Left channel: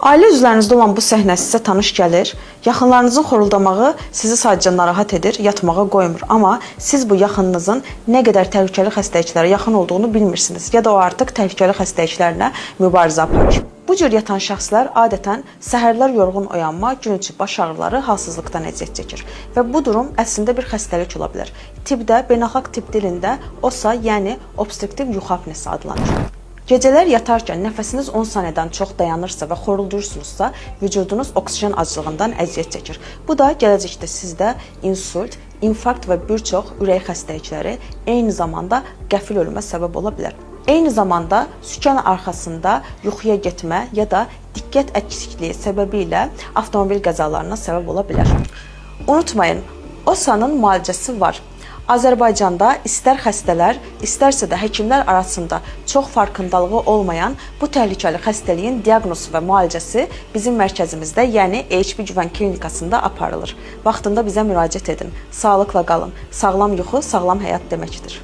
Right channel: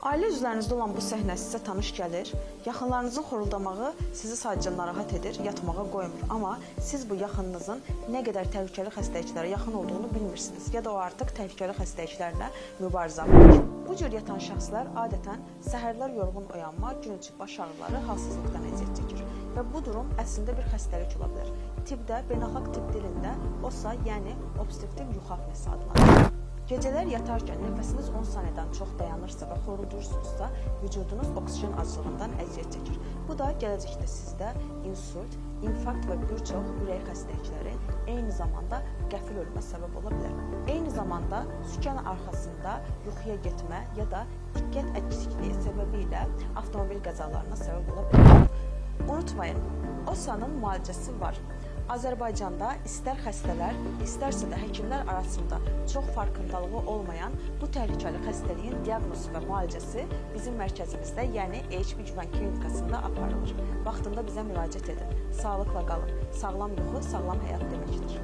Ailə üzvlərinizdə olan bu səhnə sizə tanış gəlir. Yaxınlarınızın xoruldamağı sizi sadəcə narahat edir, yatmağa qoymur. Amma siz bu yaxınınızın nə qədər təhlükəli xəstəliklərə yaxın olduğunu bilmirsiniz ya da o artıq təhlükəli xəstəliklərlə mübarizə aparır. Bu cür yatan şəxslər adətən səhərlər yorğun oyanma, gün içi baş ağrıları, halsızlıqdan əziyyət çəkir. Və bu durum əslində bir xəstəlik ola bilər. Tibbdə, beynəlxalq tibb dilində OSA, yəni obstruktiv yuxu apnesi adlanır. Gecələr yatarkən nəfəsiniz 10 saniyədən çox dayanırsa və xoruldurursunuzsa, vücudunuz oksigen aclığından əziyyət çəkir. Bu da gələcəkdə sizdə insult, infarkt və bir çox ürək xəstəlikləri, eyni zamanda qəfil ölümə səbəb ola bilər. Eyni zamanda sükan arxasında yuxuya getmə ya da diqqət əksikliyi səbəbilə avtomobil qəzalarına səbəb ola bilər. Unutmayın, OSA-nın müalicəsi var. Azərbaycanda istər xəstələr, istərsə də həkimlər arasında çox farkındalığı olmayan bu təhlükəli xəstəliyin diaqnozu və müalicəsi bizim mərkəzimizdə, yəni HP Güvən Klinikasında aparılır. Vaxtında bizə müraciət edin. Sağlıqla qalın. Sağlam yuxu, sağlam həyat deməkdir.